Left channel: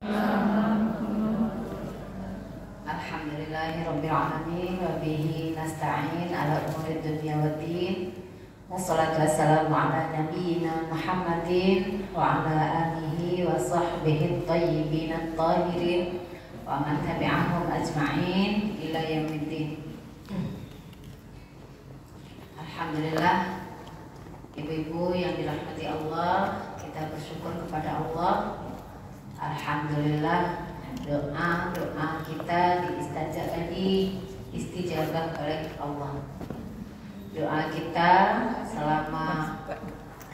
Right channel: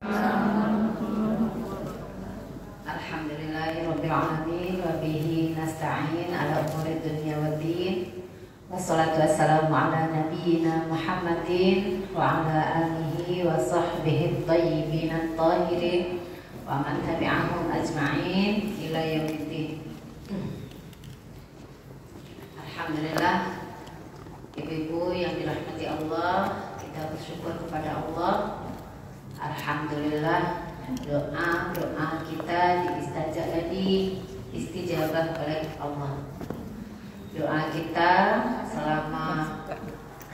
Alhamdulillahirrabbilalamin wa bihi nasta'in ala umuri dunya waddin. Wassalatu wassalamu ala nabiyyina Muhammadin wa ala alihi wa sahbihi at-tayyibin at-tahirin wa man tabi'ahum ajma'in ila yaumiddin. Alhamdulillah, ibu-ibu yang dirahmati Allah, kita bersyukur kepada Allah. Alhamdulillah, doa kita diistijabah oleh Allah. Doa kita selama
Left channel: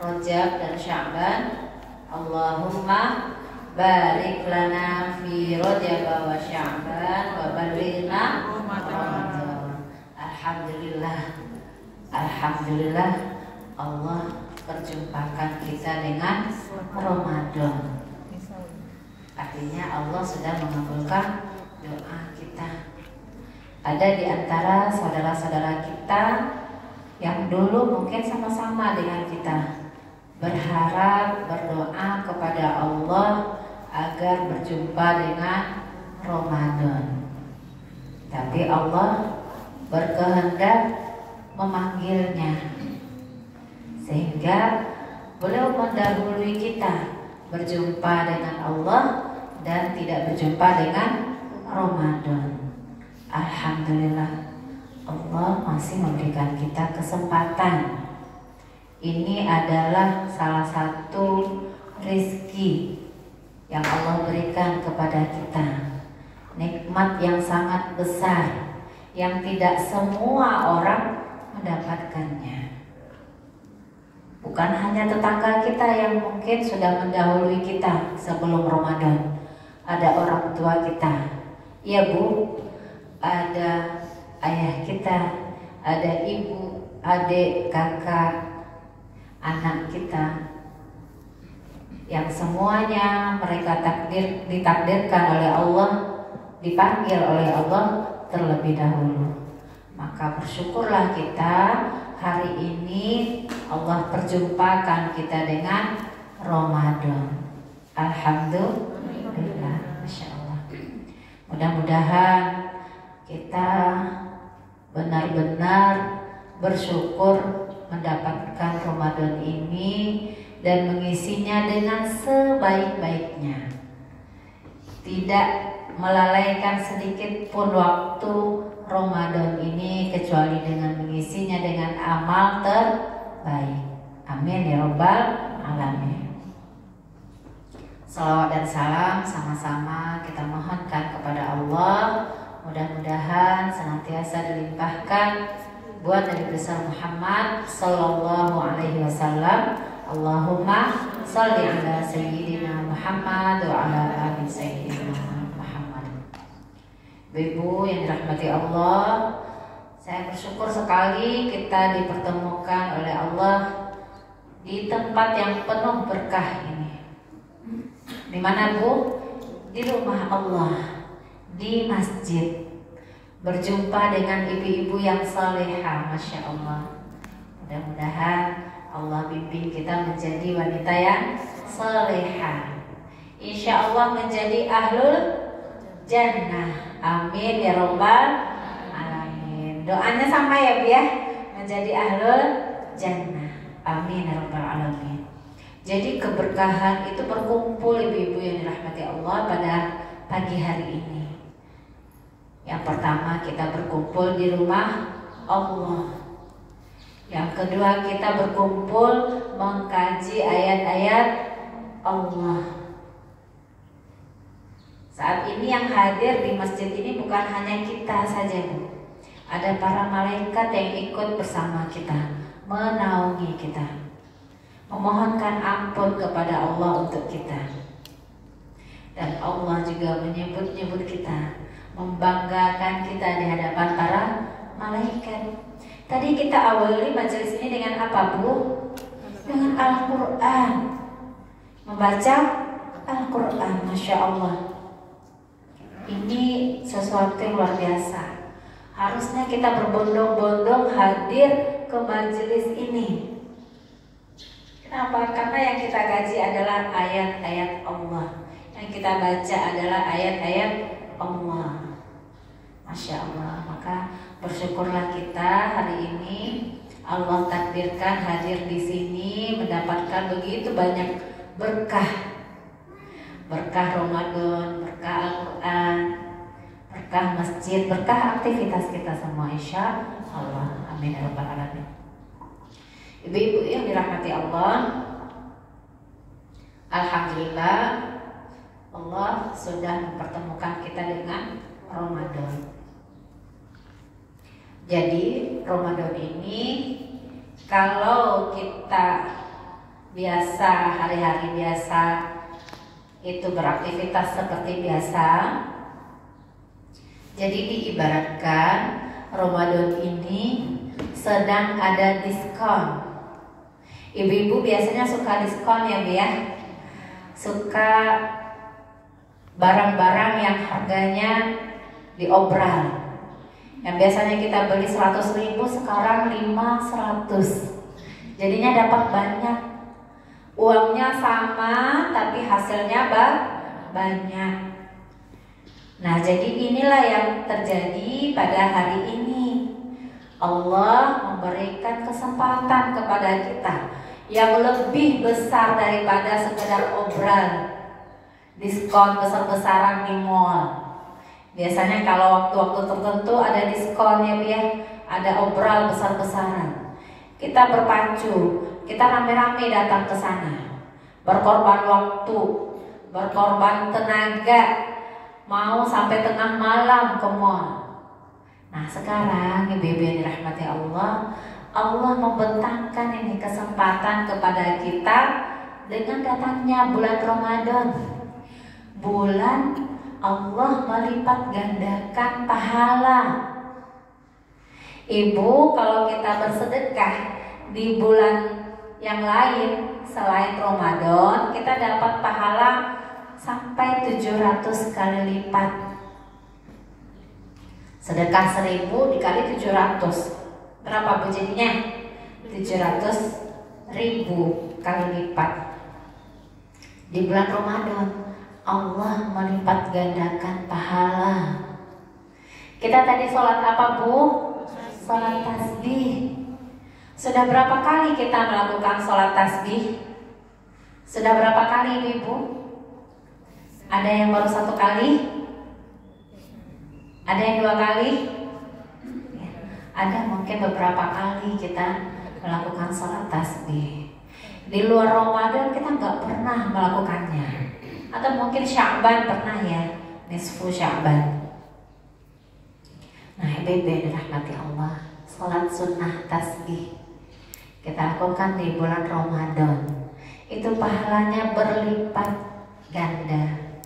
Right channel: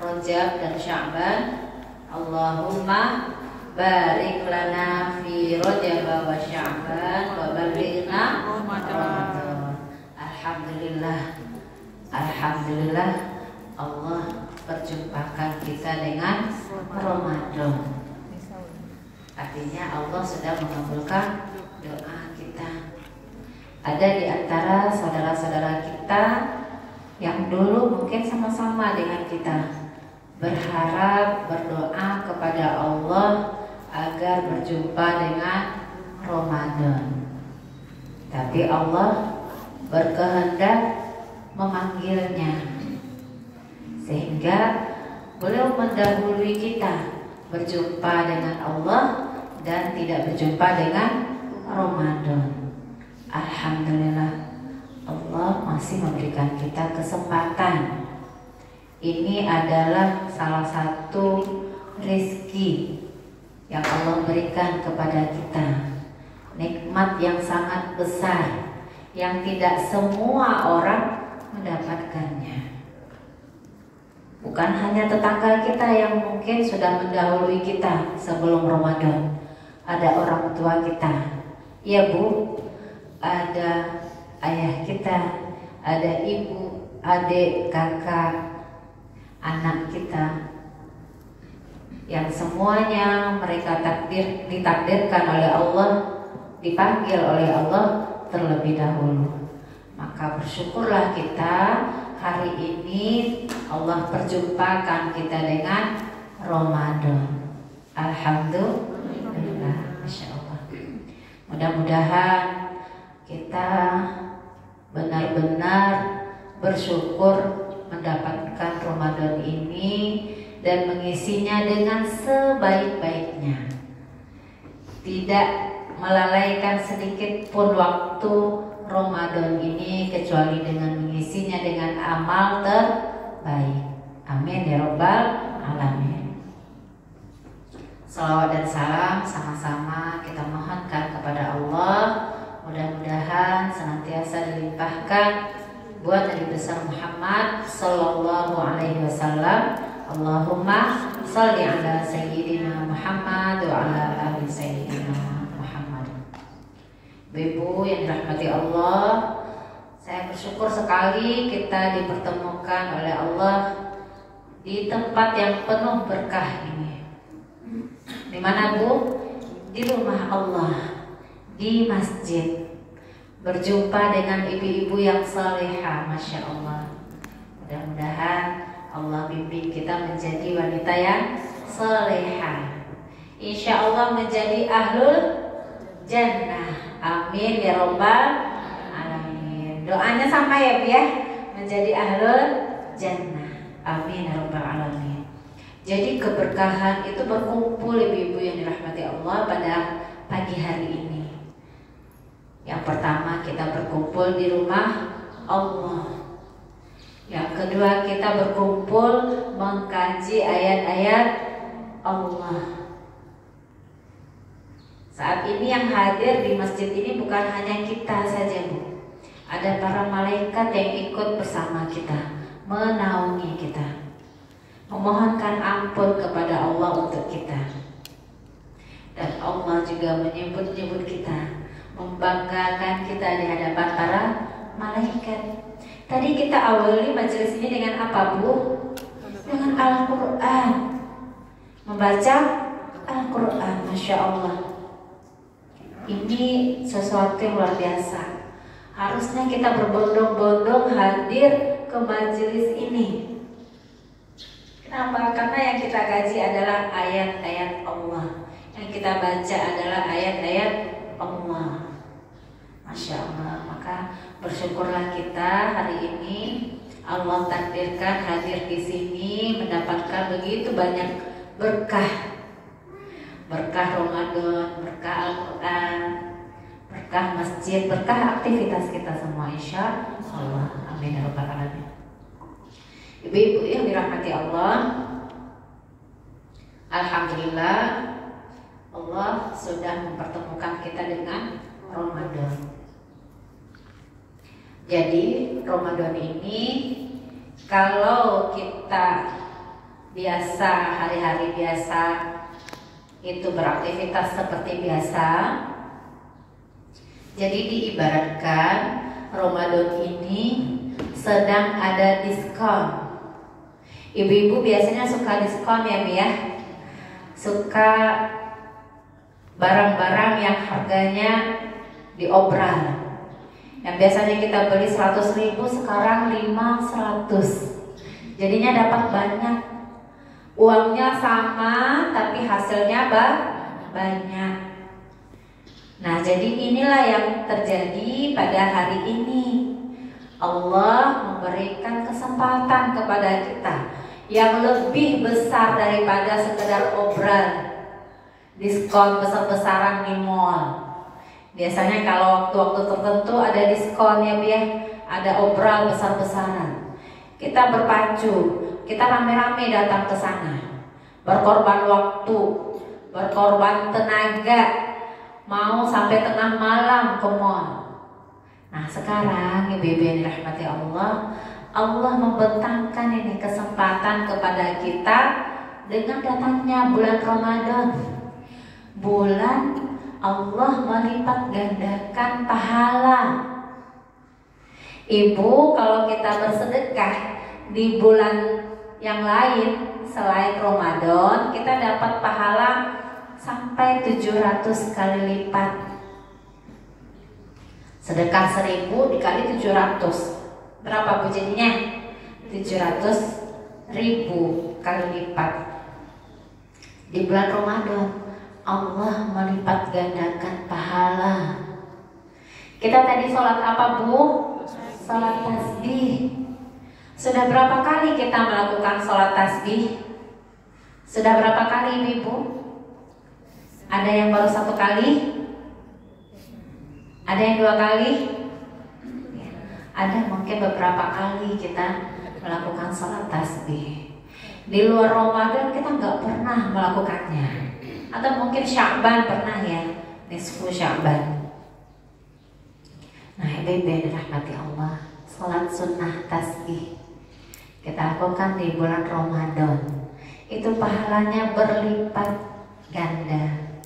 Rajab dan Sya'ban, Allahumma barik lana fi Rajab wa Sya'ban wa balighna Ramadan. Alhamdulillah Allah perjumpakan kita dengan Ramadan. Artinya Allah sudah mengabulkan doa kita. Ada di antara saudara-saudara kita yang dulu mungkin sama-sama dengan kita berharap, berdoa kepada Allah agar berjumpa dengan Ramadan. Tapi Allah berkehendak memanggilnya, sehingga beliau mendahului kita berjumpa dengan Allah dan tidak berjumpa dengan Ramadan. Alhamdulillah, Allah masih memberikan kita kesempatan. Ini adalah salah satu rezeki yang Allah berikan kepada kita, nikmat yang sangat besar yang tidak semua orang mendapatkannya. Bukan hanya tetangga kita yang mungkin sudah mendahului kita sebelum Ramadan. Ada orang tua kita, iya bu, ada ayah kita, ada ibu, adik, kakak, anak kita, yang semuanya mereka ditakdirkan oleh Allah, dipanggil oleh Allah terlebih dahulu. Maka bersyukurlah kita, hari ini Allah perjumpakan kita dengan Ramadan. Alhamdulillah, Masya Allah. Mudah-mudahan kita benar-benar bersyukur mendapatkan Ramadan ini dan mengisinya dengan sebaik-baiknya. Tidak melalaikan sedikit pun waktu Ramadan ini kecuali dengan mengisinya dengan amal terbaik. Amin ya Rabbal Alamin. Salawat dan salam sama-sama kita mohonkan kepada Allah. Mudah-mudahan senantiasa dilimpahkan buat Nabi besar Muhammad Sallallahu Alaihi Wasallam. Allahumma salli ala Sayyidina Muhammad wa ala ali Sayyidina. Ibu yang dirahmati Allah, saya bersyukur sekali kita dipertemukan oleh Allah di tempat yang penuh berkah ini. Di mana Bu? Di rumah Allah, di masjid, berjumpa dengan ibu-ibu yang salehah, Masya Allah. Mudah-mudahan Allah bimbing kita menjadi wanita yang salehah, insya Allah menjadi ahlul jannah. Amin ya Rabbal Alamin. Doanya sama ya Bu ya, menjadi ahlul jannah. Amin ya Rabbal Alamin. Jadi keberkahan itu berkumpul ibu-ibu yang dirahmati Allah pada pagi hari ini. Yang pertama kita berkumpul di rumah Allah. Yang kedua kita berkumpul mengkaji ayat-ayat Allah. Saat ini yang hadir di masjid ini bukan hanya kita saja Bu. Ada para malaikat yang ikut bersama kita, menaungi kita, memohonkan ampun kepada Allah untuk kita. Dan Allah juga menyebut-nyebut kita, membanggakan kita di hadapan para malaikat. Tadi kita awali majelis ini dengan apa Bu? Dengan Al-Quran. Membaca Al-Quran, Masya Allah. Ini sesuatu yang luar biasa. Harusnya kita berbondong-bondong hadir ke majelis ini. Kenapa? Karena yang kita kaji adalah ayat-ayat Allah. Yang kita baca adalah ayat-ayat Allah. Masya Allah. Maka bersyukurlah kita hari ini Allah takdirkan hadir di sini mendapatkan begitu banyak berkah. Berkah Ramadan, berkah Al-Quran, berkah masjid, berkah aktivitas kita semua, insya Allah. Amin ya rabbal alamin. Ibu-ibu yang dirahmati Allah, alhamdulillah Allah sudah mempertemukan kita dengan Ramadan. Jadi Ramadan ini kalau kita biasa, hari-hari biasa itu beraktivitas seperti biasa, jadi diibaratkan Ramadan ini sedang ada diskon. Ibu-ibu biasanya suka diskon ya Bu ya, suka barang-barang yang harganya diobral. Yang biasanya kita beli 100.000 sekarang 500. Jadinya dapat banyak. Uangnya sama tapi hasilnya banyak. Nah, jadi inilah yang terjadi pada hari ini. Allah memberikan kesempatan kepada kita yang lebih besar daripada sekedar obral, diskon besar-besaran di mall. Biasanya kalau waktu-waktu tertentu ada diskon ya, ada obral besar-besaran. Kita berpacu, kita rame-rame datang ke sana, berkorban waktu, berkorban tenaga, mau sampai tengah malam ke mall. Nah sekarang ibu-ibu yang dirahmati Allah, Allah membentangkan ini kesempatan kepada kita dengan datangnya bulan Ramadan. Bulan Allah melipat gandakan pahala. Ibu, kalau kita bersedekah di bulan yang lain selain Ramadan, kita dapat pahala sampai 700 kali lipat. Sedekah 1000 dikali 700, berapa Bu jadinya? 700.000 kali lipat. Di bulan Ramadan Allah melipat gandakan pahala. Kita tadi sholat apa Bu? Sholat tasbih. Sudah berapa kali kita melakukan sholat tasbih? Sudah berapa kali Ibu? Ada yang baru 1 kali? Ada yang 2 kali? Ada mungkin beberapa kali kita melakukan sholat tasbih. Di luar Ramadan kita nggak pernah melakukannya. Atau mungkin Sya'ban pernah ya, nisfu Sya'ban. Nah ibu-ibu yang dirahmati Allah, sholat sunnah tasbih kita lakukan di bulan Ramadan, itu pahalanya berlipat ganda.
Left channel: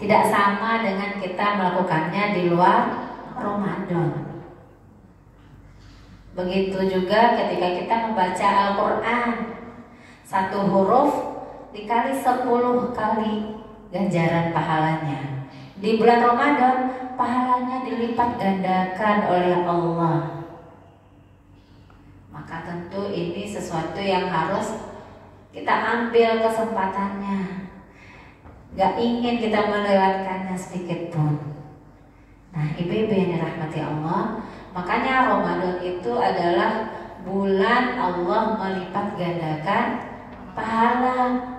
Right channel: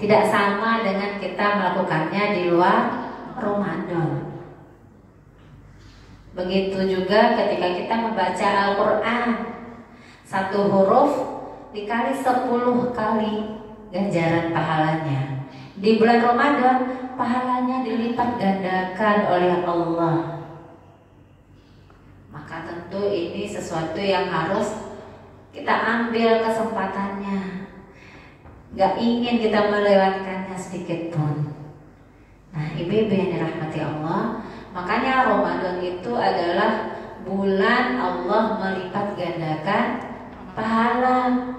Tidak sama dengan kita melakukannya di luar Ramadan. Begitu juga ketika kita membaca Al-Quran, 1 huruf dikali 10 kali ganjaran pahalanya. Di bulan Ramadan pahalanya dilipat gandakan oleh Allah. Maka tentu ini sesuatu yang harus kita ambil kesempatannya. Gak ingin kita melewatkannya sedikit pun. Nah ibu-ibu yang dirahmati Allah, makanya Ramadan itu adalah bulan Allah melipat gandakan pahala.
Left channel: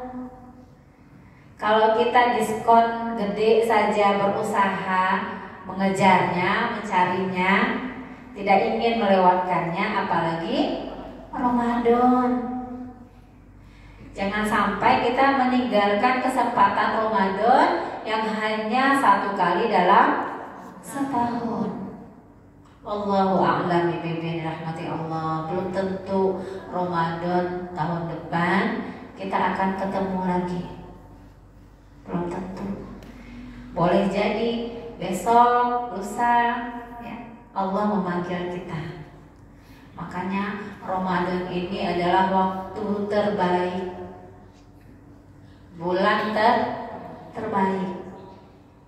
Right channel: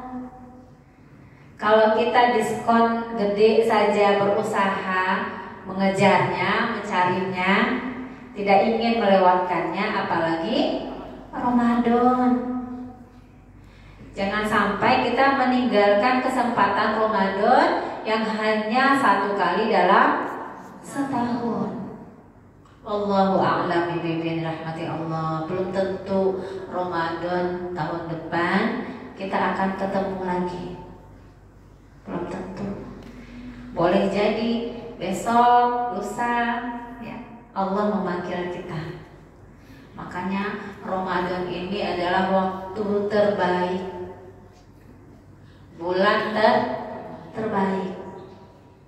Kalau kita diskon gede saja berusaha mengejarnya, mencarinya, tidak ingin melewatkannya, apalagi Ramadan. Jangan sampai kita meninggalkan kesempatan Ramadan yang hanya 1 kali dalam setahun. Allahu a'lam bishawab. Rahmati Allah. Belum tentu Ramadan tahun depan kita akan ketemu lagi. Belum tentu. Boleh jadi besok, lusa, ya, Allah memanggil kita. Makanya Ramadan ini adalah waktu terbaik, bulan terbaik,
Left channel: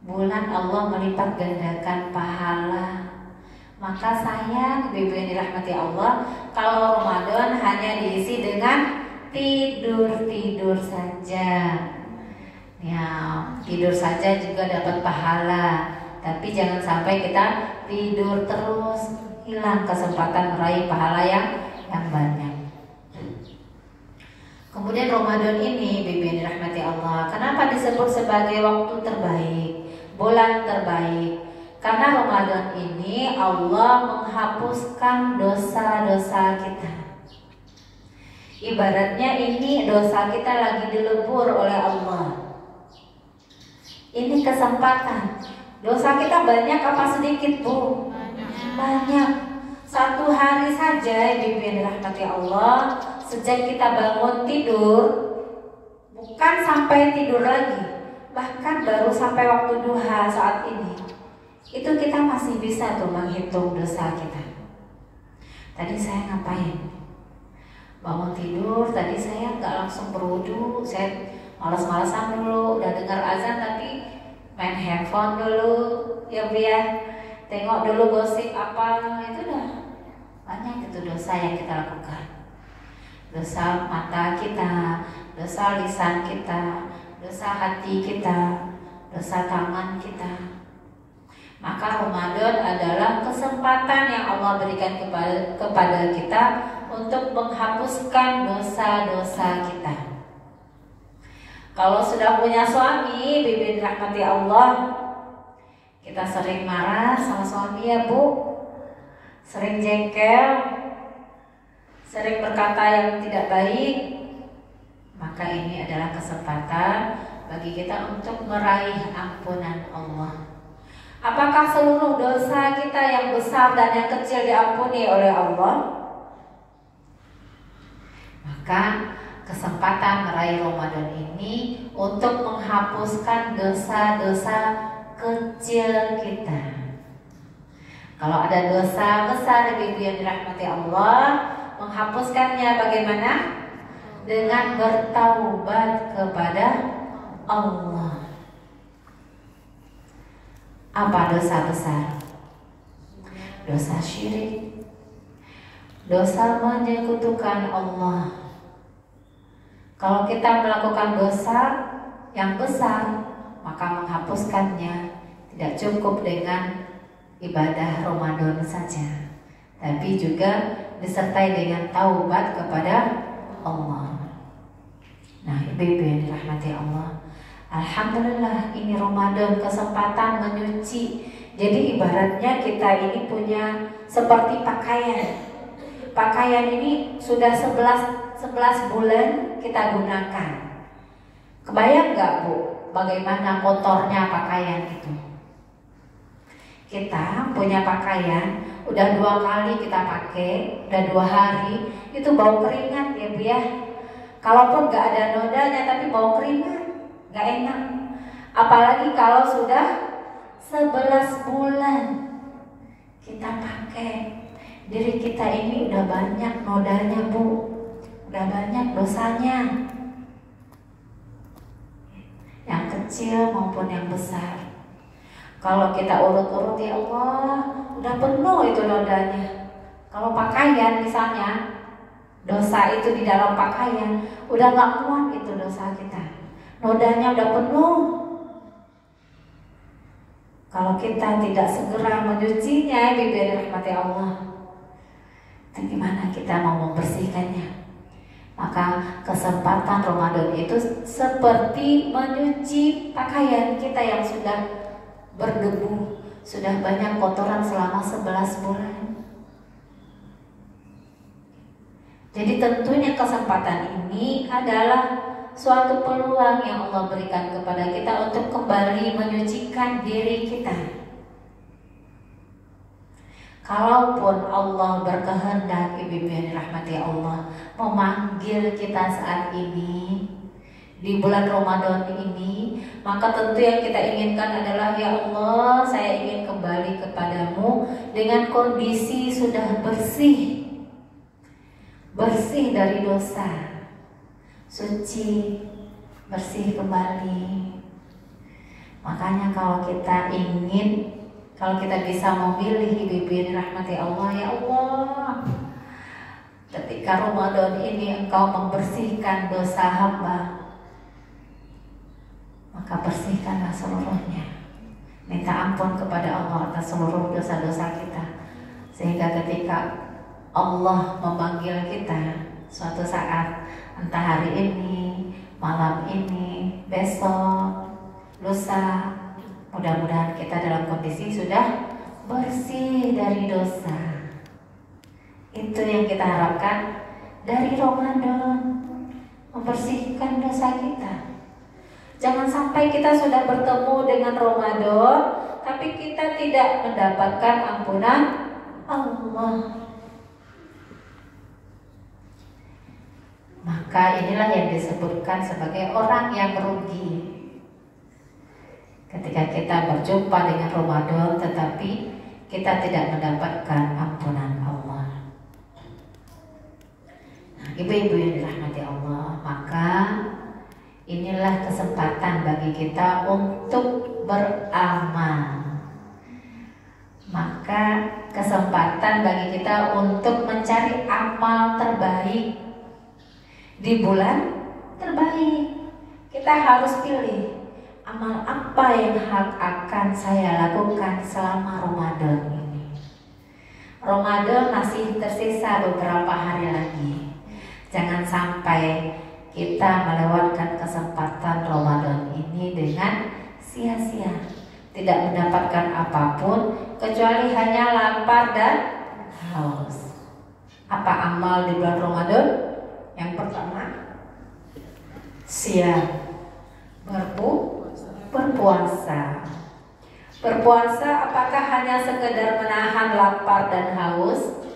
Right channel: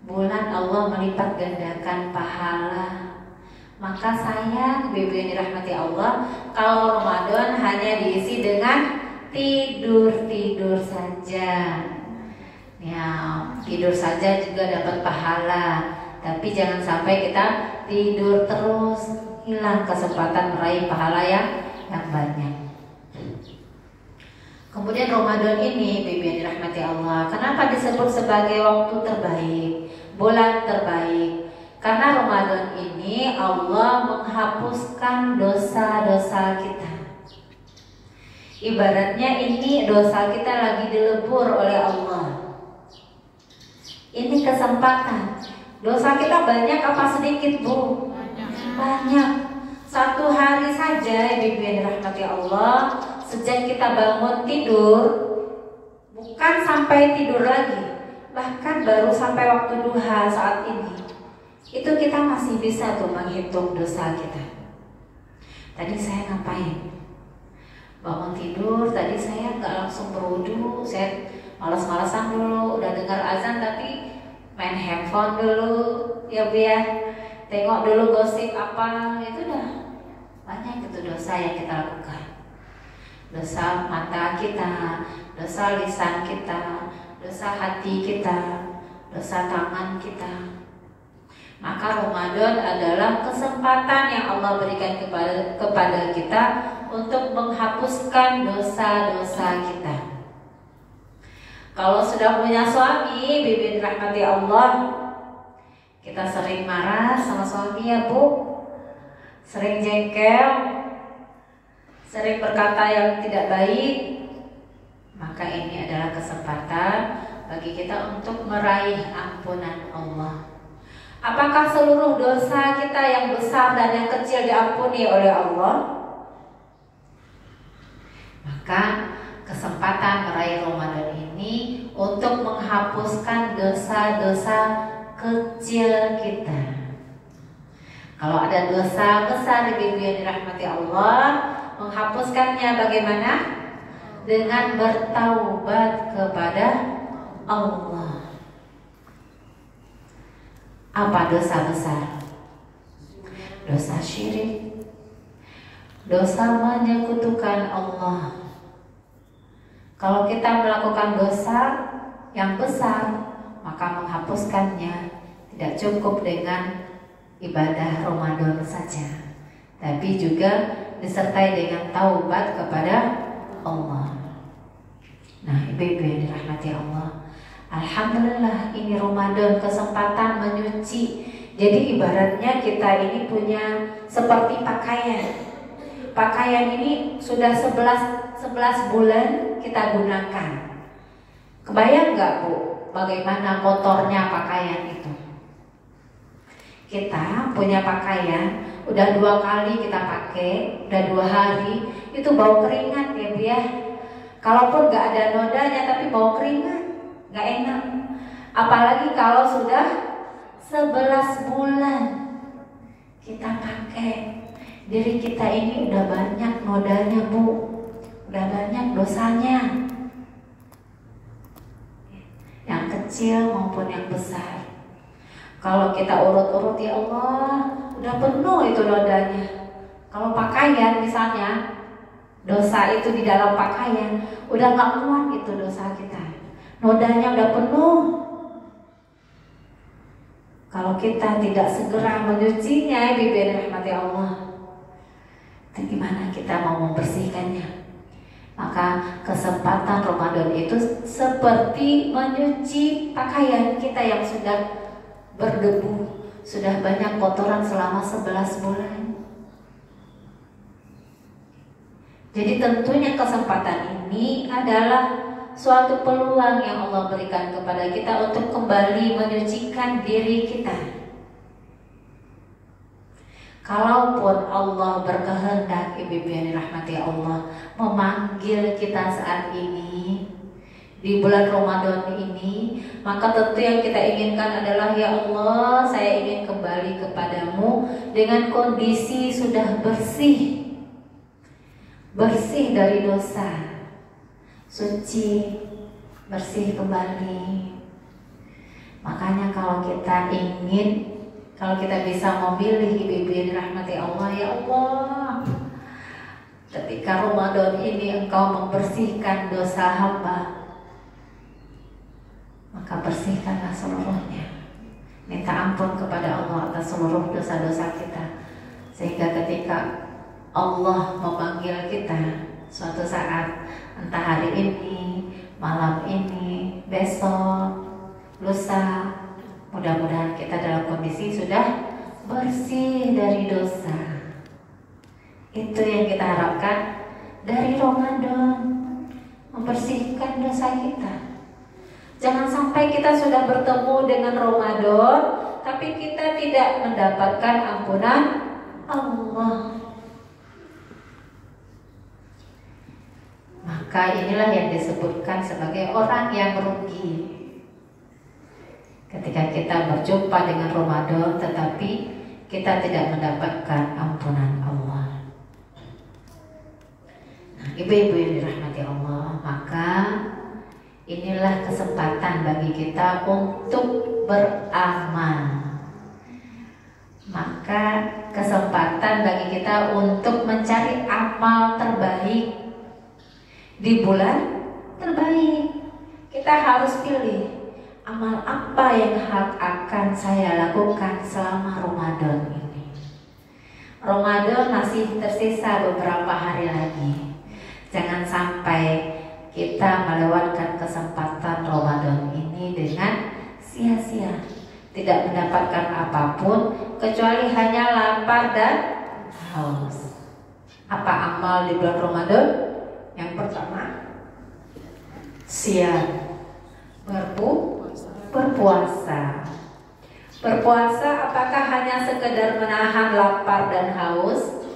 bulan Allah melipat gandakan pahala. Maka sayang ibu-ibu yang dirahmati Allah, kalau Ramadan hanya diisi dengan tidur saja. Ya, saja juga dapat pahala. Tapi jangan sampai kita tidur terus, hilang kesempatan meraih pahala yang banyak. Kemudian Ramadan ini, Bibi dirahmati Allah, kenapa disebut sebagai waktu terbaik, bulan terbaik? Karena Ramadan ini Allah menghapuskan dosa-dosa kita. Ibaratnya ini dosa kita lagi dilebur oleh Allah. Ini kesempatan. Dosa kita banyak apa sedikit, Bu? Banyak. Satu hari saja, Ibu dirahmati Allah, sejak kita bangun tidur, bukan sampai tidur lagi, bahkan baru sampai waktu duha saat ini, itu kita masih bisa tuh menghitung dosa kita. Tadi saya ngapain? Bangun tidur, tadi saya nggak langsung berwudu, saya malas-malasan dulu, udah dengar azan tapi main handphone dulu, ya Bu ya, tengok dulu gosip apa, itu dah banyak itu dosa yang kita lakukan. Dosa mata kita, dosa lisan kita, dosa hati kita, dosa tangan kita. Maka Ramadan adalah kesempatan yang Allah berikan kepada kita untuk menghapuskan dosa-dosa kita. Kalau sudah punya suami, Bibi rahmati Allah, kita sering marah sama suami ya Bu, sering jengkel, sering berkata yang tidak baik. Maka ini adalah kesempatan bagi kita untuk meraih ampunan Allah. Apakah seluruh dosa kita yang besar dan yang kecil diampuni oleh Allah? Maka kesempatan meraih Ramadan ini untuk menghapuskan dosa-dosa kecil kita. Kalau ada dosa besar, Ibu yang dirahmati Allah, menghapuskannya bagaimana? Dengan bertaubat kepada Allah. Apa dosa besar? Dosa syirik, dosa menyekutukan Allah. Kalau kita melakukan dosa yang besar, maka menghapuskannya tidak cukup dengan ibadah Ramadan saja, tapi juga disertai dengan taubat kepada Allah. Nah, ibu-ibu yang dirahmati Allah, alhamdulillah ini Ramadan kesempatan menyuci. Jadi ibaratnya kita ini punya seperti pakaian. Pakaian ini sudah 11 bulan kita gunakan. Kebayang nggak Bu, bagaimana kotornya pakaian itu? Kita punya pakaian, udah 2 kali kita pakai, udah 2 hari, itu bau keringat ya Bu ya. Kalaupun nggak ada nodanya tapi bau keringat, nggak enak. Apalagi kalau sudah 11 bulan kita pakai, diri kita ini udah banyak nodanya Bu, udah banyak dosanya, yang kecil maupun yang besar. Kalau kita urut-urut, ya Allah, udah penuh itu nodanya. Kalau pakaian misalnya, dosa itu di dalam pakaian, udah gak muat itu dosa kita, nodanya udah penuh. Kalau kita tidak segera menyucinya, Ibu rahmati Allah, gimana kita mau membersihkannya? Maka kesempatan Ramadan itu seperti menyuci pakaian kita yang sudah berdebu, sudah banyak kotoran selama 11 bulan. Jadi tentunya kesempatan ini adalah suatu peluang yang Allah berikan kepada kita untuk kembali menyucikan diri kita. Kalaupun Allah berkehendak, ibu yang dirahmati Allah, memanggil kita saat ini di bulan Ramadan ini, maka tentu yang kita inginkan adalah, ya Allah, saya ingin kembali kepadamu dengan kondisi sudah bersih dari dosa, suci, bersih kembali. Makanya kalau kita bisa memilih, ibu yang dirahmati Allah, ya Allah, ketika Ramadan ini Engkau membersihkan dosa hamba, maka bersihkan kita seluruhnya. Minta ampun kepada Allah atas seluruh dosa-dosa kita, sehingga ketika Allah memanggil kita suatu saat, entah hari ini, malam ini, besok, lusa, mudah-mudahan kita dalam kondisi sudah bersih dari dosa. Itu yang kita harapkan dari Ramadan, membersihkan dosa kita. Jangan sampai kita sudah bertemu dengan Ramadan, tapi kita tidak mendapatkan ampunan Allah. Maka inilah yang disebutkan sebagai orang yang rugi. Ketika kita berjumpa dengan Ramadan, tetapi kita tidak mendapatkan ampunan Allah. Nah, ibu-ibu yang dirahmati Allah, maka inilah kesempatan bagi kita untuk beramal. Maka kesempatan bagi kita untuk mencari amal terbaik di bulan terbaik. Kita harus pilih amal apa yang akan saya lakukan selama Ramadan ini. Ramadan masih tersisa beberapa hari lagi. Jangan sampai kita melewatkan kesempatan Ramadan ini dengan sia-sia, tidak mendapatkan apapun kecuali hanya lapar dan haus. Apa amal di bulan Ramadan? Yang pertama, siap berpuasa. Berpuasa apakah hanya sekedar menahan lapar dan haus?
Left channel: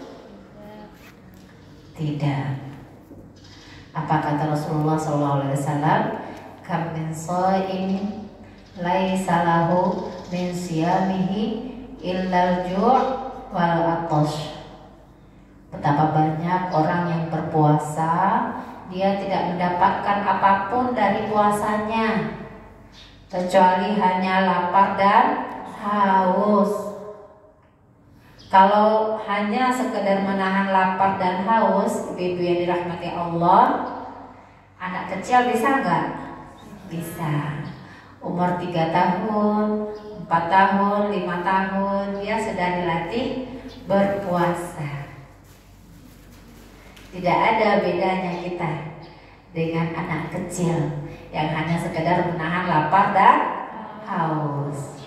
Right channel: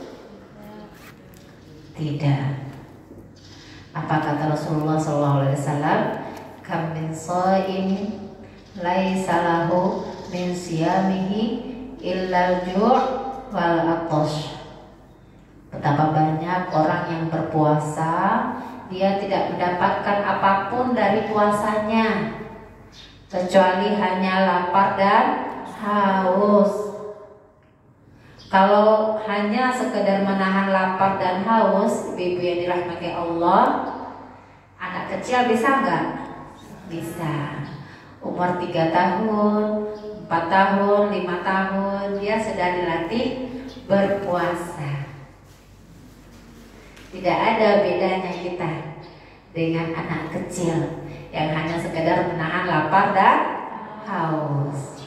Tidak. Apa kata Rasulullah SAW? Kam min shaimin laisa lahu min siyamihi illal ju' wal 'atash. Betapa banyak orang yang berpuasa, dia tidak mendapatkan apapun dari puasanya kecuali hanya lapar dan haus. Kalau hanya sekedar menahan lapar dan haus, ibu yang dirahmati Allah, anak kecil bisa nggak? Bisa. Umur 3 tahun, 4 tahun, 5 tahun, dia sudah dilatih berpuasa. Tidak ada bedanya kita dengan anak kecil yang hanya sekedar menahan lapar dan haus.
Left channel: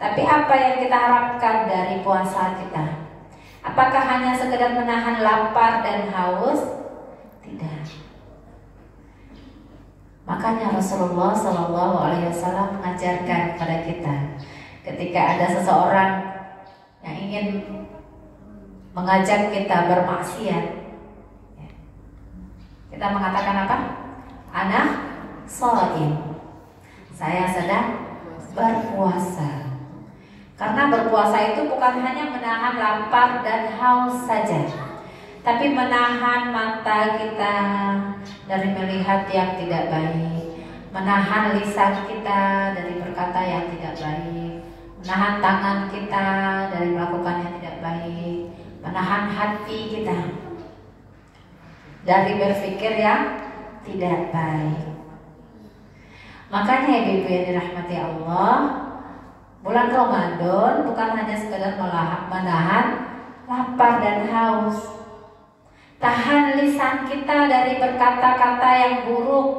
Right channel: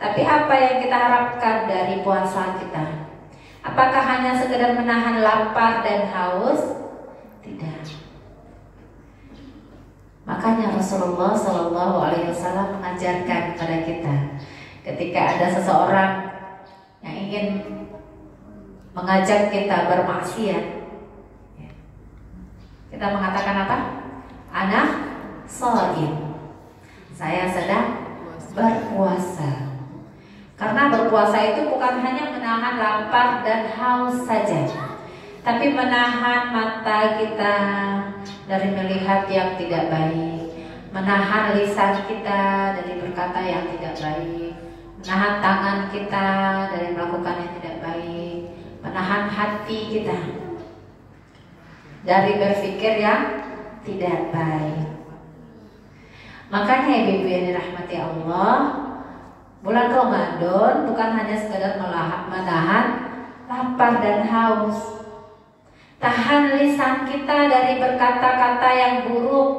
Tapi apa yang kita harapkan dari puasa kita? Apakah hanya sekedar menahan lapar dan haus? Tidak. Makanya Rasulullah SAW mengajarkan kepada kita, ketika ada seseorang yang ingin mengajak kita bermaksiat, kita mengatakan apa? Ana shaim. Saya sedang berpuasa. Karena berpuasa itu bukan hanya menahan lapar dan haus saja, tapi menahan mata kita dari melihat yang tidak baik, menahan lisan kita dari berkata yang tidak baik, menahan tangan kita dari melakukan yang tidak baik, menahan hati kita dari berpikir yang tidak baik. Makanya ibu yang dirahmati Allah, bulan Ramadan bukan hanya sekedar menahan lapar dan haus. Tahan lisan kita dari berkata-kata yang buruk.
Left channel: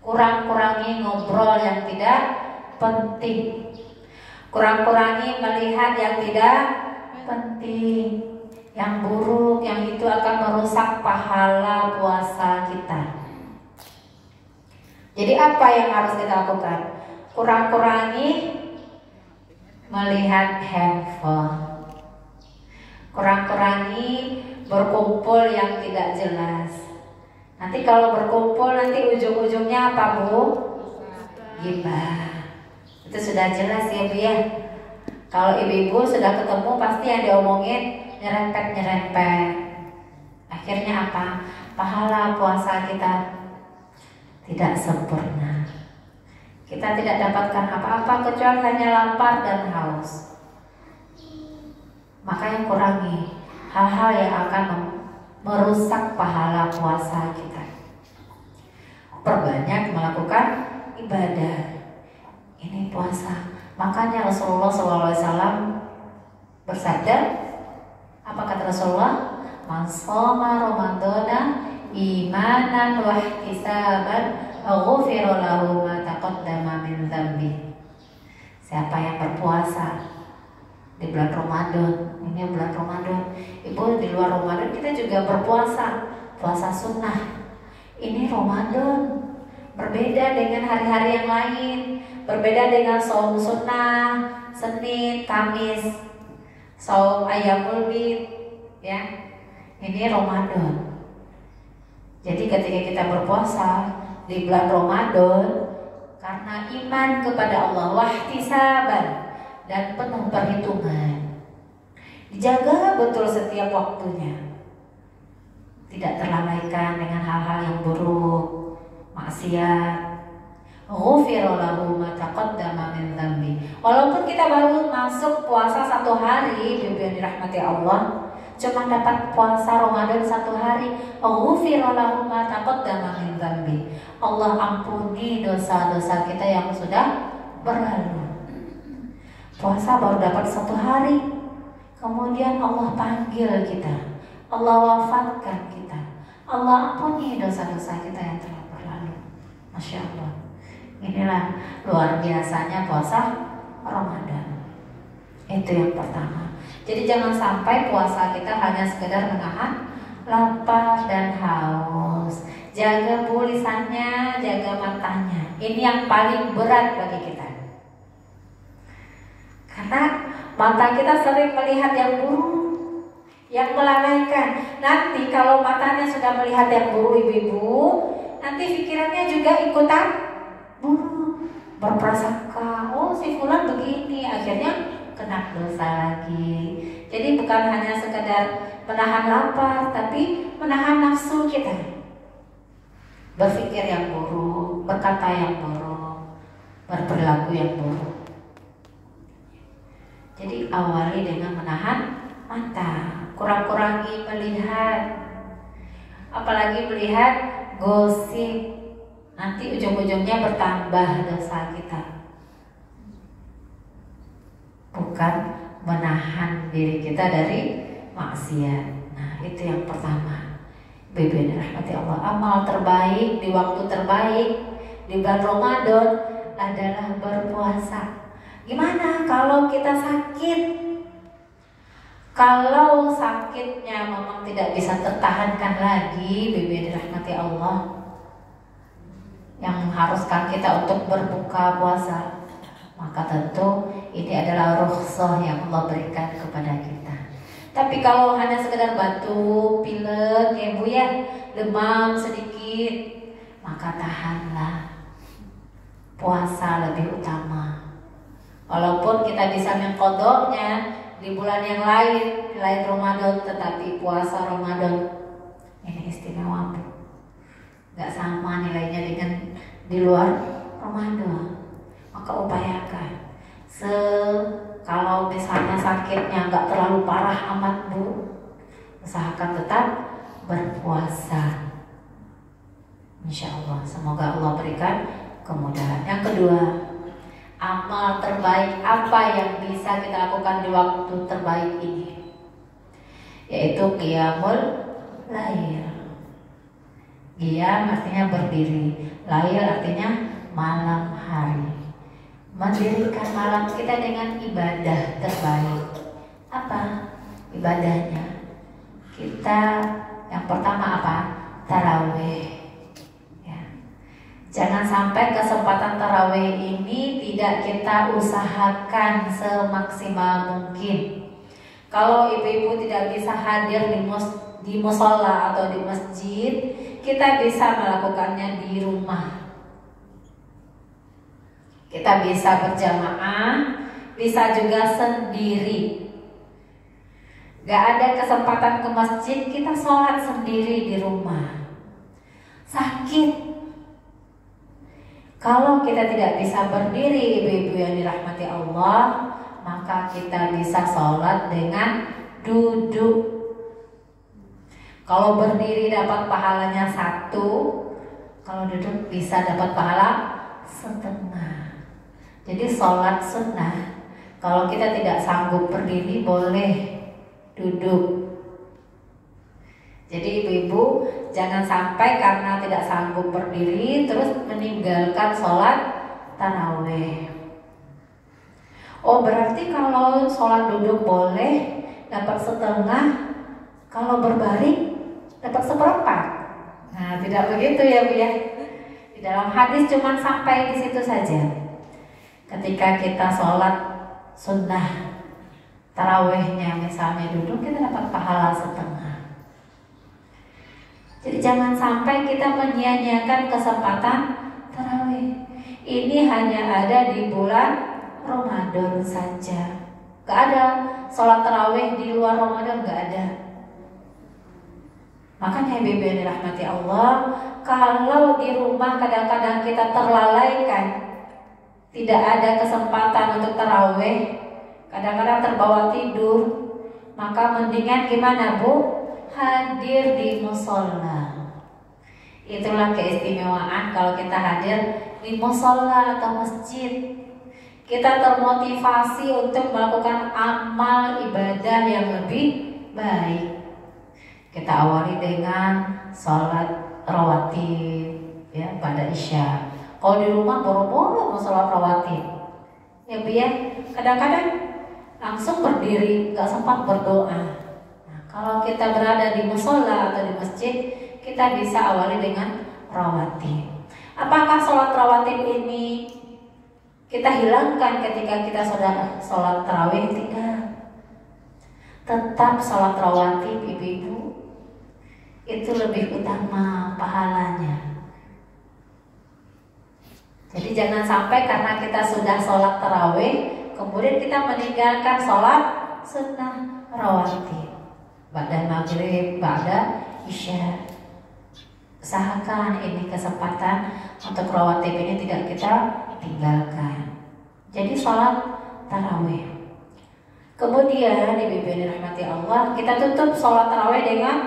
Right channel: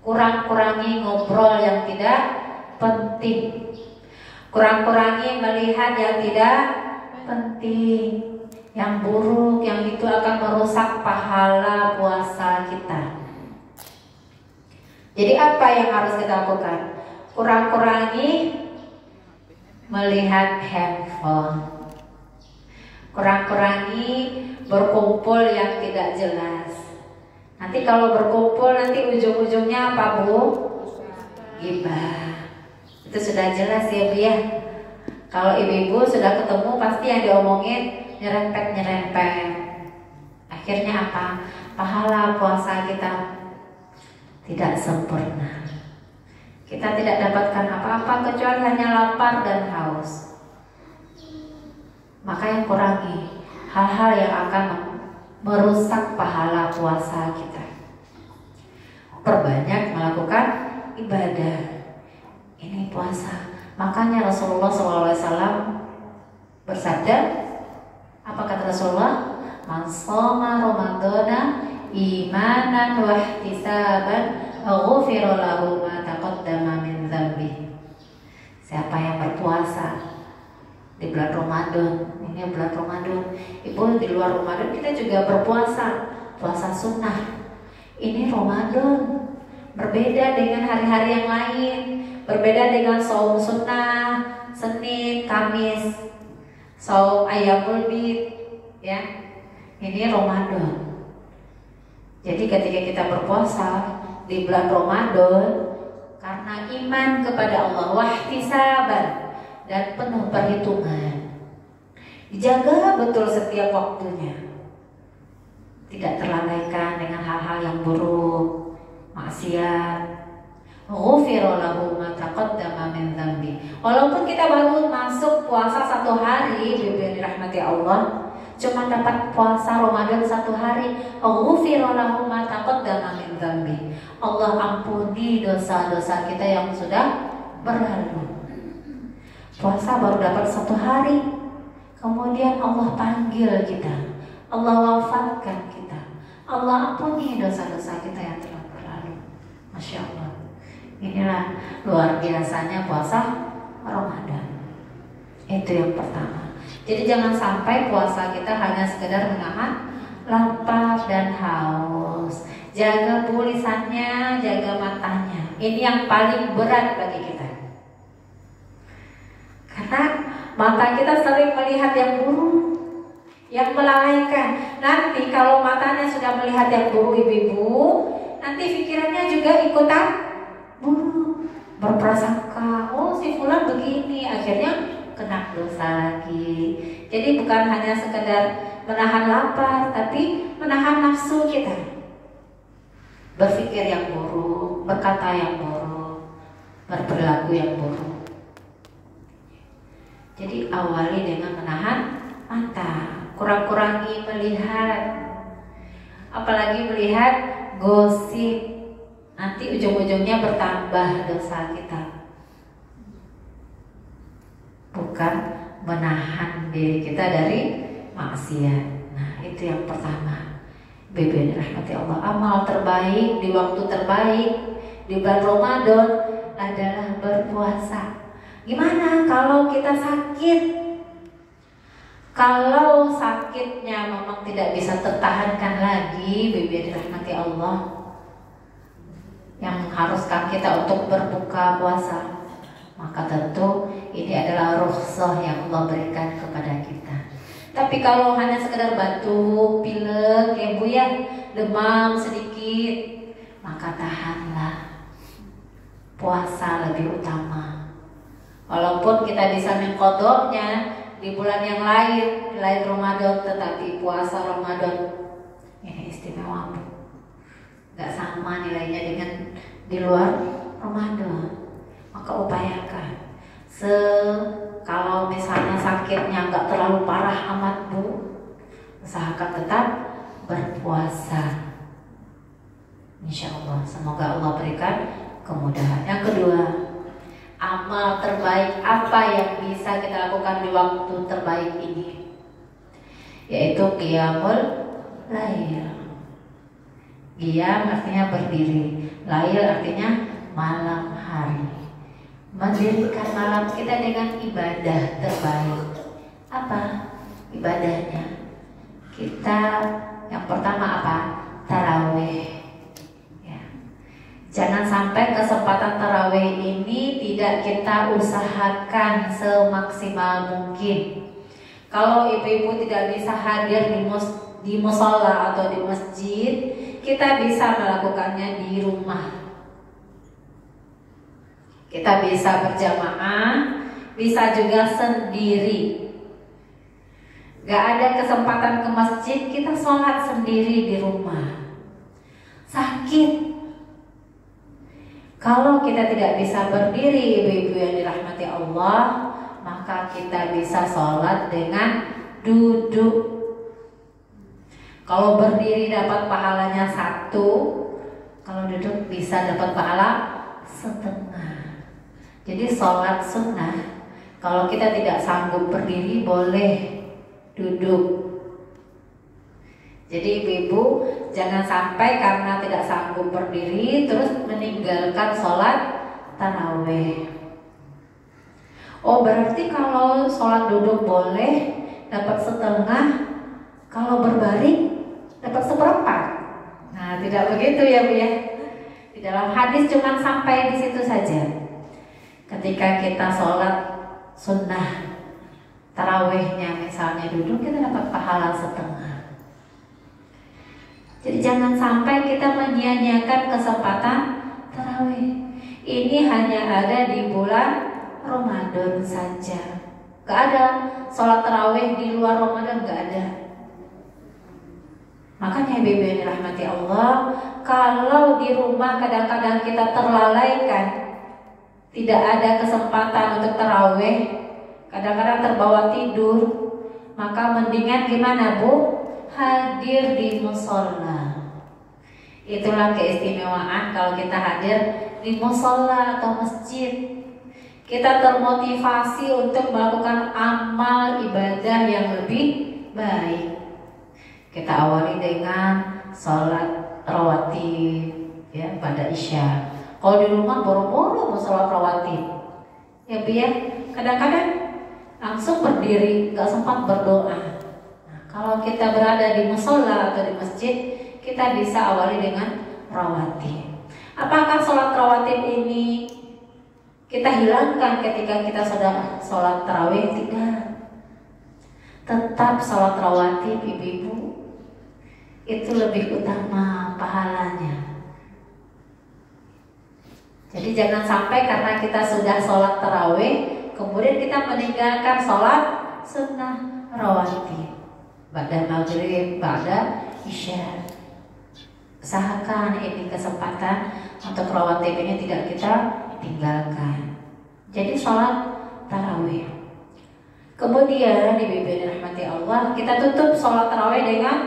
Kurang-kurangi ngobrol yang tidak penting. Kurang-kurangi melihat yang tidak penting, yang buruk, yang itu akan merusak pahala puasa kita. Jadi apa yang harus kita lakukan? Kurang-kurangi melihat handphone, kurang-kurangi berkumpul yang tidak jelas. Nanti kalau berkumpul nanti ujung-ujungnya apa, Bu? Gibah. Itu sudah jelas ya, Bu ya. Kalau ibu-ibu sudah ketemu pasti yang diomongin nyerempet-nyerempet. Akhirnya apa? Pahala puasa kita tidak sempurna. Kita tidak dapatkan apa-apa kecuali hanya lapar dan haus. Maka yang kurangi hal-hal yang akan merusak pahala puasa kita. Perbanyak melakukan ibadah. puasa. Makanya Rasulullah SAW bersabda, apa kata Rasulullah? Man shoma Ramadhana imanan wa ihtisaban ghufira lahu ma taqaddama min dzambi. Siapa yang berpuasa di bulan Ramadan, ini bulan Ramadan, Ibu di luar Ramadan kita juga berpuasa, puasa sunnah. Ini Ramadan, berbeda dengan hari-hari yang lain, berbeda dengan shaum sunnah, Senin, Kamis, shaum Ayyamul Bid, ya. Ini Ramadan. Jadi ketika kita berpuasa di bulan Ramadan karena iman kepada Allah, wahtisaban, dan penuh perhitungan, dijaga betul setiap waktunya, tidak terlalaikan dengan hal-hal yang buruk, maksiat. Ghufira lahu ma taqaddama min dzambi. Walaupun kita baru masuk puasa 1 hari, Ibu yang dirahmati Allah, cuma dapat puasa Ramadan 1 hari, ghufira lahu ma taqaddama min dzambi. Allah ampuni dosa-dosa kita yang sudah berlalu. Puasa baru dapat 1 hari, kemudian Allah panggil kita, Allah wafatkan kita, Allah ampuni dosa-dosa kita yang telah berlalu. Masya Allah. Inilah luar biasanya puasa Ramadan. Itu yang pertama. Jadi jangan sampai puasa kita hanya sekedar menahan lapar dan haus. Jaga tulisannya, jaga matanya. Ini yang paling berat bagi kita. Karena mata kita sering melihat yang buruk, yang melalaikan. Nanti kalau matanya sudah melihat yang buruk, ibu-ibu, nanti pikirannya juga ikutan buruk, berprasangka, oh si fulan begini, akhirnya kena dosa lagi. Jadi bukan hanya sekedar menahan lapar, tapi menahan nafsu kita, berpikir yang buruk, berkata yang buruk, berperilaku yang buruk. Jadi awali dengan menahan mata, kurang-kurangi melihat, apalagi melihat gosip. Nanti ujung-ujungnya bertambah dosa kita. Bukan menahan diri kita dari maksiat. Nah, itu yang pertama. Bibi rahmati Allah, amal terbaik di waktu terbaik di bulan Ramadan adalah berpuasa. Gimana kalau kita sakit? Kalau sakitnya memang tidak bisa tertahankan lagi, Bibi rahmati Allah, yang mengharuskan kita untuk berbuka puasa, maka tentu ini adalah rukhsah yang Allah berikan kepada kita. Tapi kalau hanya sekedar batuk, pilek, ya Bu ya, demam sedikit, maka tahanlah. Puasa lebih utama. Walaupun kita bisa mengqadha'nya di bulan yang lain, di lain Ramadan, tetapi puasa Ramadan ini istimewa Bu. Gak sama nilainya dengan di luar Ramadan. Maka upayakan. Kalau misalnya sakitnya gak terlalu parah amat Bu, usahakan tetap berpuasa. Insya Allah, semoga Allah berikan kemudahan. Yang kedua, amal terbaik apa yang bisa kita lakukan di waktu terbaik ini, yaitu qiyamul lail. Qiyam artinya berdiri, lail artinya malam hari. Mendirikan malam kita dengan ibadah terbaik. Apa ibadahnya? Kita yang pertama apa? Tarawih. Ya. Jangan sampai kesempatan tarawih ini tidak kita usahakan semaksimal mungkin. Kalau ibu-ibu tidak bisa hadir di musola atau di masjid, kita bisa melakukannya di rumah. Kita bisa berjamaah, bisa juga sendiri. Gak ada kesempatan ke masjid, kita sholat sendiri di rumah. Sakit, kalau kita tidak bisa berdiri, ibu-ibu yang dirahmati Allah, maka kita bisa sholat dengan duduk. Kalau berdiri dapat pahalanya 1, kalau duduk bisa dapat pahala setengah. Jadi sholat sunnah, kalau kita tidak sanggup berdiri boleh duduk. Jadi ibu-ibu jangan sampai karena tidak sanggup berdiri terus meninggalkan sholat tarawih. Oh berarti kalau sholat duduk boleh dapat setengah, kalau berbaring dapat seperempat. Nah tidak begitu ya Bu ya. Di dalam hadis cuma sampai di situ saja. Ketika kita sholat sunnah tarawihnya misalnya duduk, kita dapat pahala setengah. Jadi jangan sampai kita menyia-nyiakan kesempatan tarawih. Ini hanya ada di bulan Ramadan saja. Gak ada sholat tarawih di luar Ramadan, gak ada. Makanya ibu yang dirahmati Allah, kalau di rumah kadang-kadang kita terlalaikan, tidak ada kesempatan untuk tarawih, kadang-kadang terbawa tidur, maka mendingan gimana Bu? Hadir di musola. Itulah keistimewaan kalau kita hadir di musola atau masjid. Kita termotivasi untuk melakukan amal ibadah yang lebih baik. Kita awali dengan sholat rawatib ya pada Isya. Kalau di rumah boro-boro mau sholat rawatib, ya biar kadang-kadang langsung berdiri, gak sempat berdoa. Kalau kita berada di musola atau di masjid, kita bisa awali dengan rawatib. Apakah sholat rawatib ini kita hilangkan ketika kita sudah sholat tarawih? Tidak. Tetap sholat rawatib ibu-ibu itu lebih utama pahalanya. Jadi jangan sampai karena kita sudah sholat tarawih kemudian kita meninggalkan sholat sunnah rawatib. Ba'da maghrib, ba'da isya. Usahakan ini kesempatan untuk rawatib ini tidak kita tinggalkan. Jadi sholat tarawih. Kemudian ibu-ibu yang dirahmati Allah, kita tutup sholat tarawih dengan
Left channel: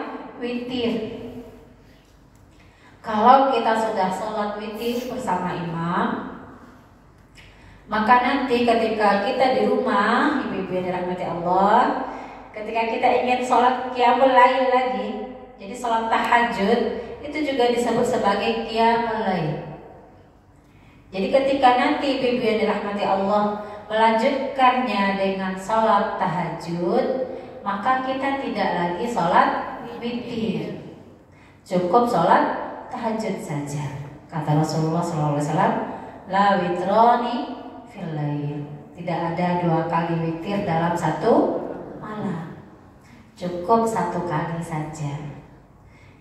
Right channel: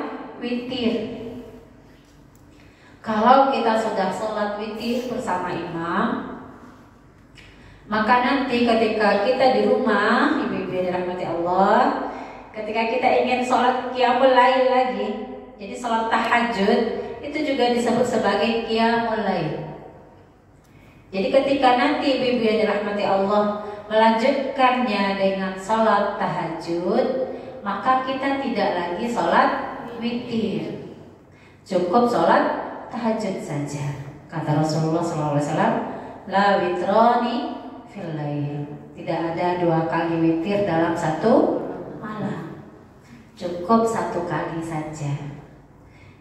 witir. Kalau kita sudah sholat witir bersama imam, maka nanti ketika kita di rumah, ibu-ibu yang dirahmati Allah, ketika kita ingin sholat qiyamul lail lagi, jadi sholat tahajud itu juga disebut sebagai qiyamul lail. Jadi ketika nanti ibu-ibu yang dirahmati Allah melanjutkannya dengan sholat tahajud, maka kita tidak lagi sholat witir, cukup sholat tahajud saja. Kata Rasulullah SAW, la witroni fil lail. Tidak ada 2 kali witir dalam satu malam, cukup 1 kali saja.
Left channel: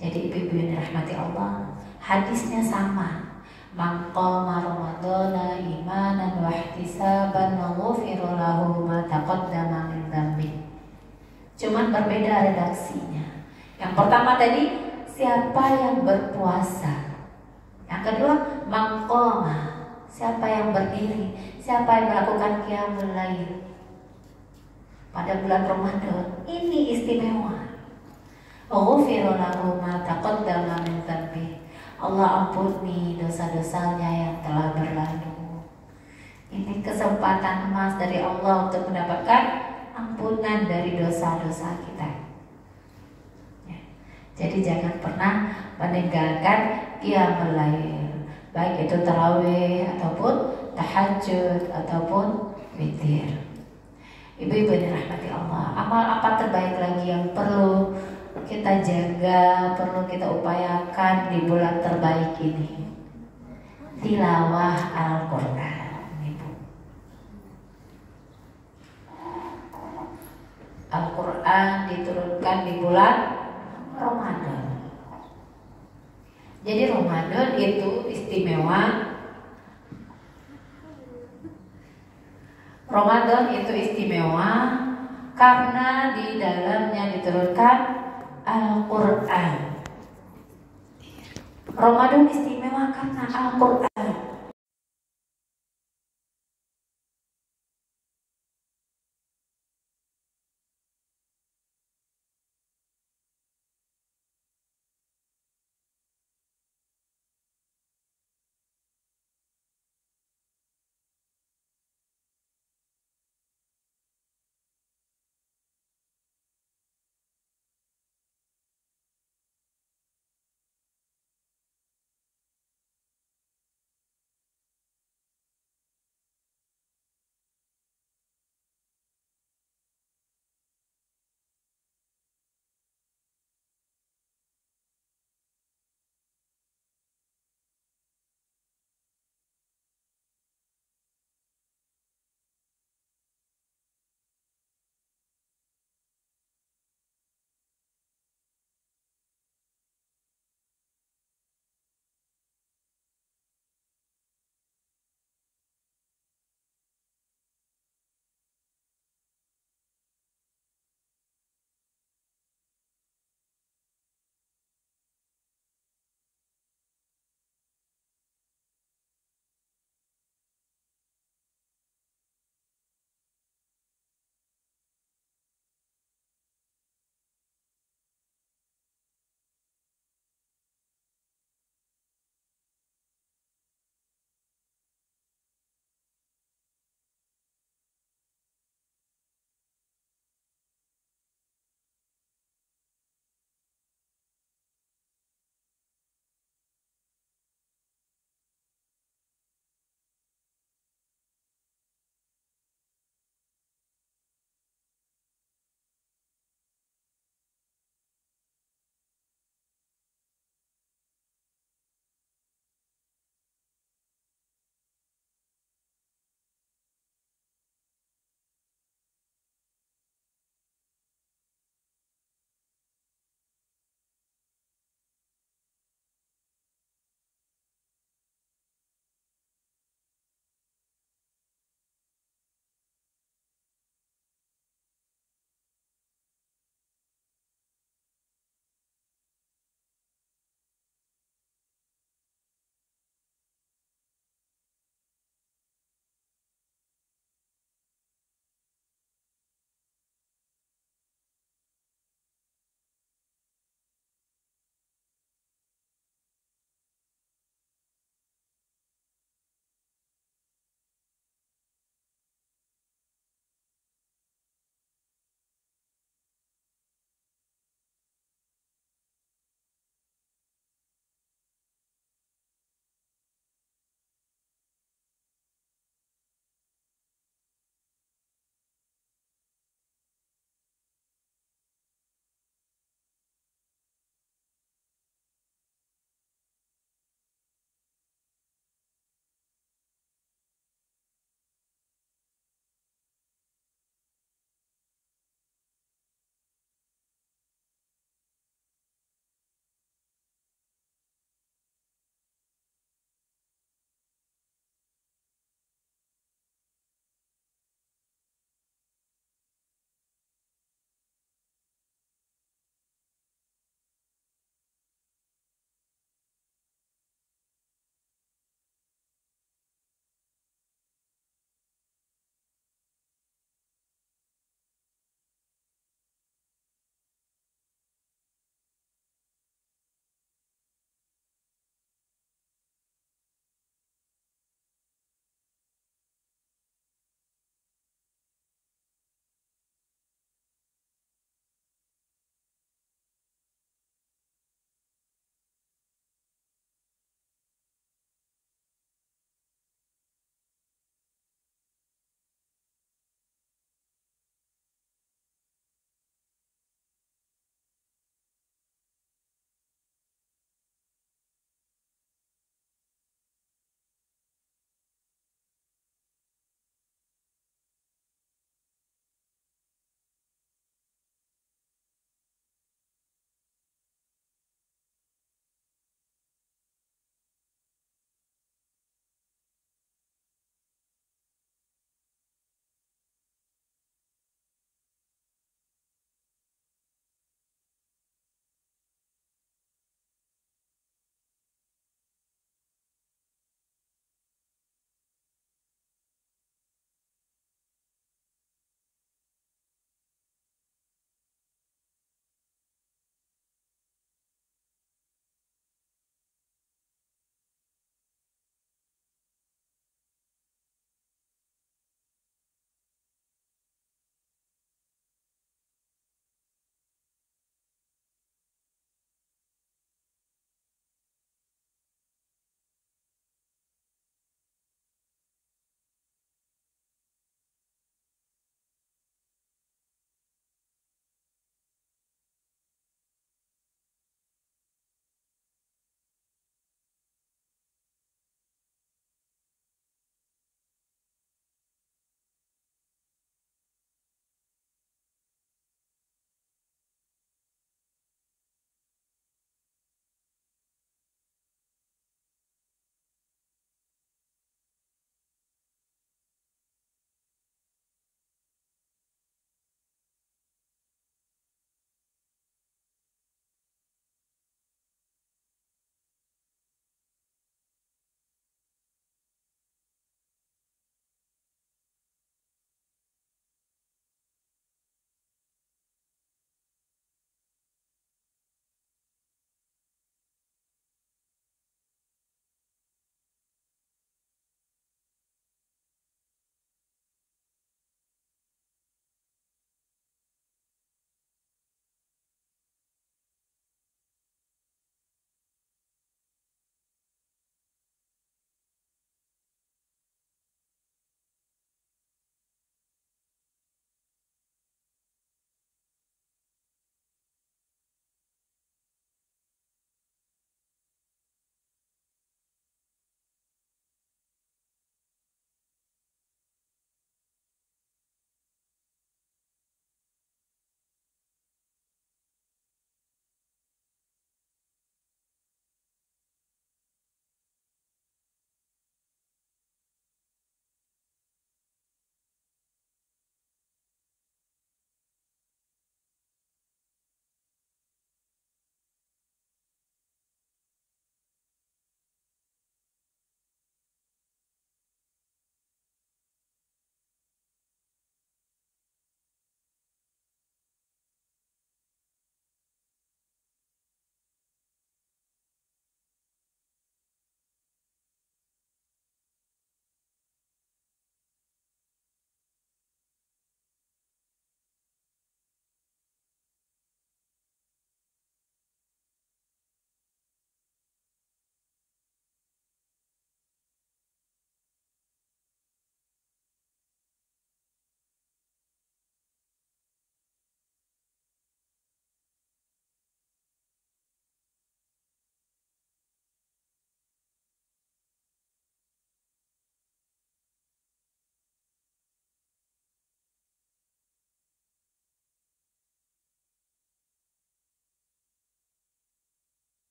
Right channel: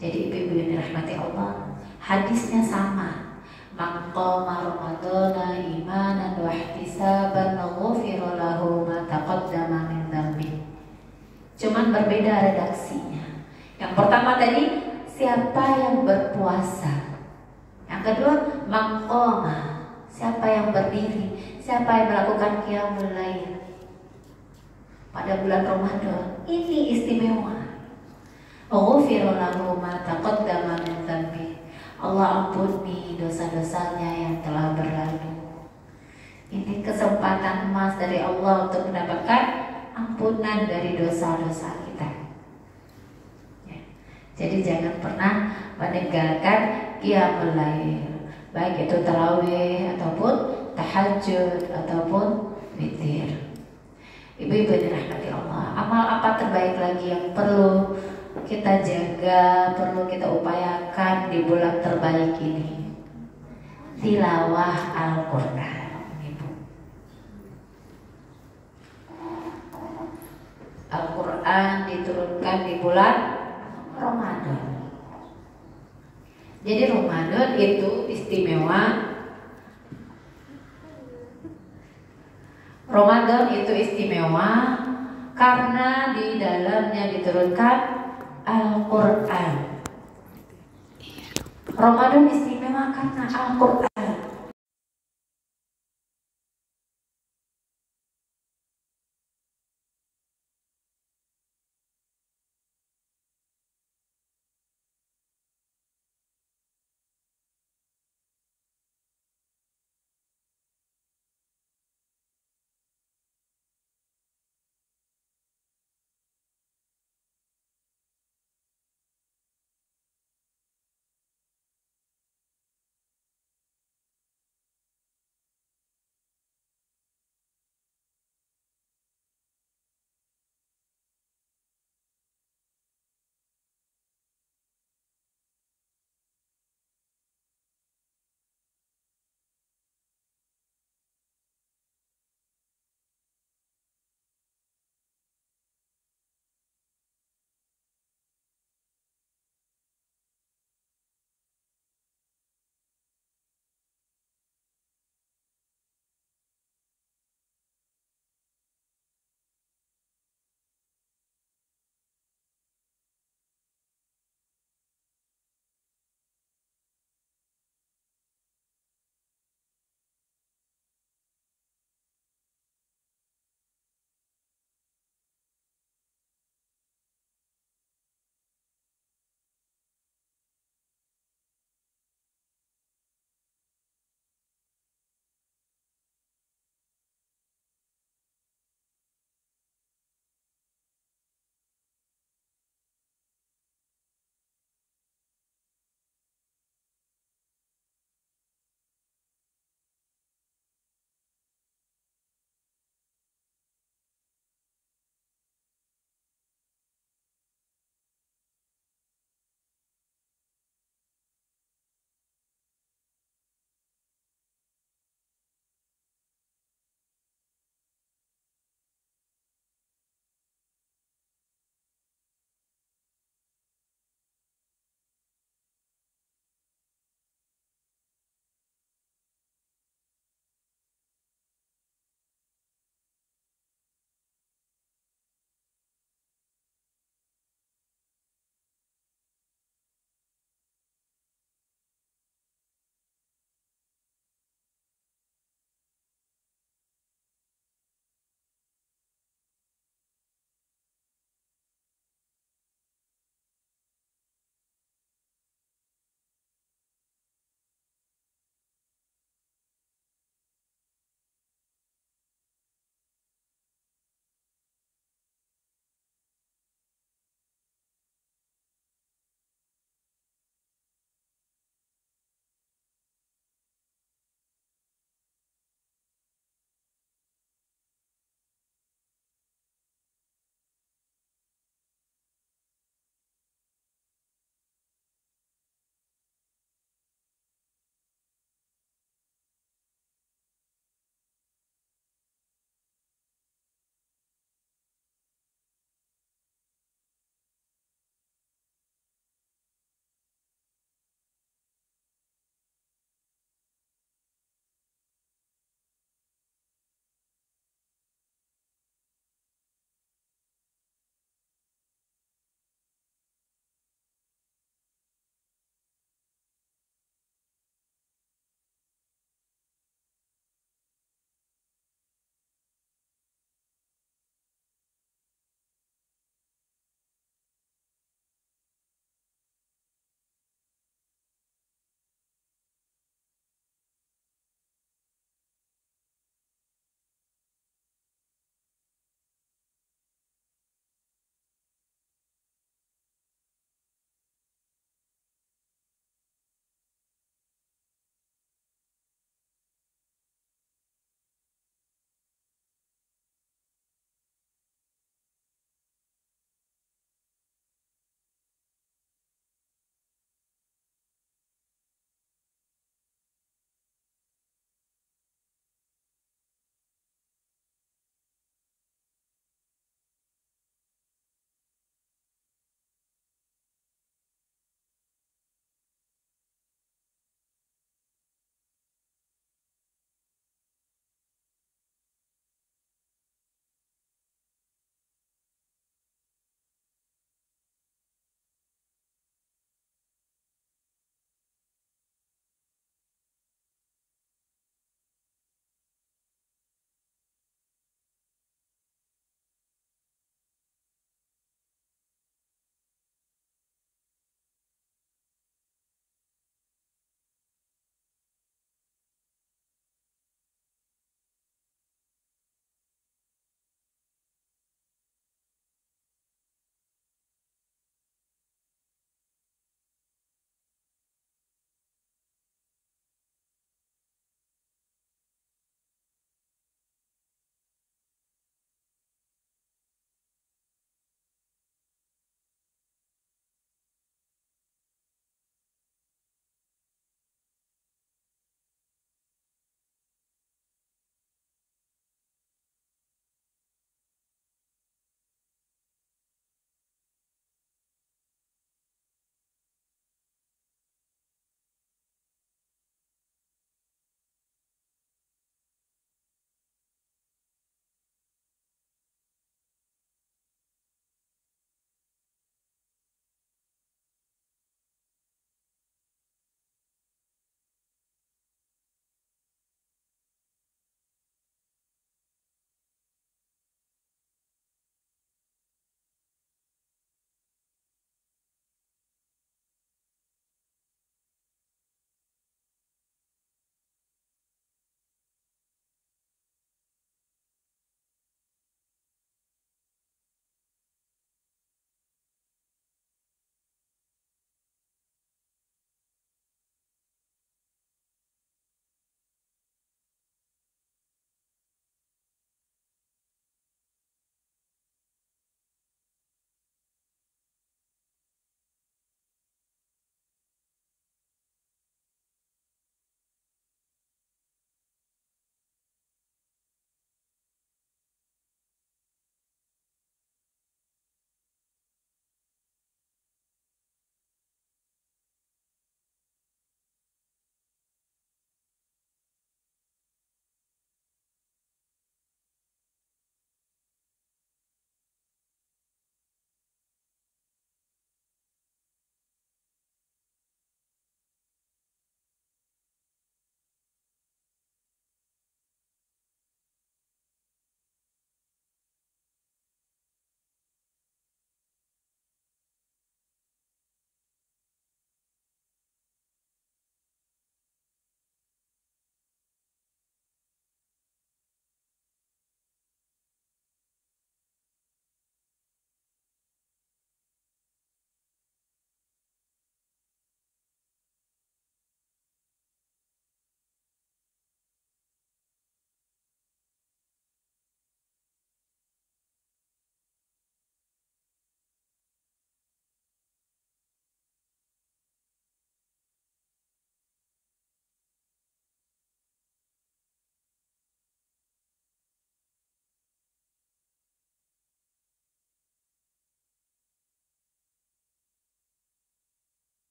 Jadi ibu-ibu yang dirahmati Allah, hadisnya sama. Man qama ramadhana imanan wa ihtisaban ghufira lahu ma taqaddama min dhanbi. Cuman berbeda redaksinya. Yang pertama tadi siapa yang berpuasa. Yang kedua man qama, siapa yang berdiri, siapa yang melakukan qiyamul lail pada bulan Ramadan. Ini istimewa. Ghufira lahu ma taqaddama min dhanbi. Allah ampuni dosa-dosanya yang telah berlalu. Ini kesempatan emas dari Allah untuk mendapatkan ampunan dari dosa-dosa kita. Ya. Jadi jangan pernah meninggalkan qiyamul lail, baik itu tarawih ataupun tahajud ataupun witir. Ibu-ibu yang dirahmati Allah, amal apa terbaik lagi yang perlu kita jaga, perlu kita upayakan di bulan terbaik ini? Tilawah Al-Quran. Al-Quran diturunkan di bulan Ramadan. Jadi Ramadan itu istimewa. Ramadan itu istimewa karena di dalamnya diturunkan Al-Quran. Ramadan istimewa karena Al-Quran.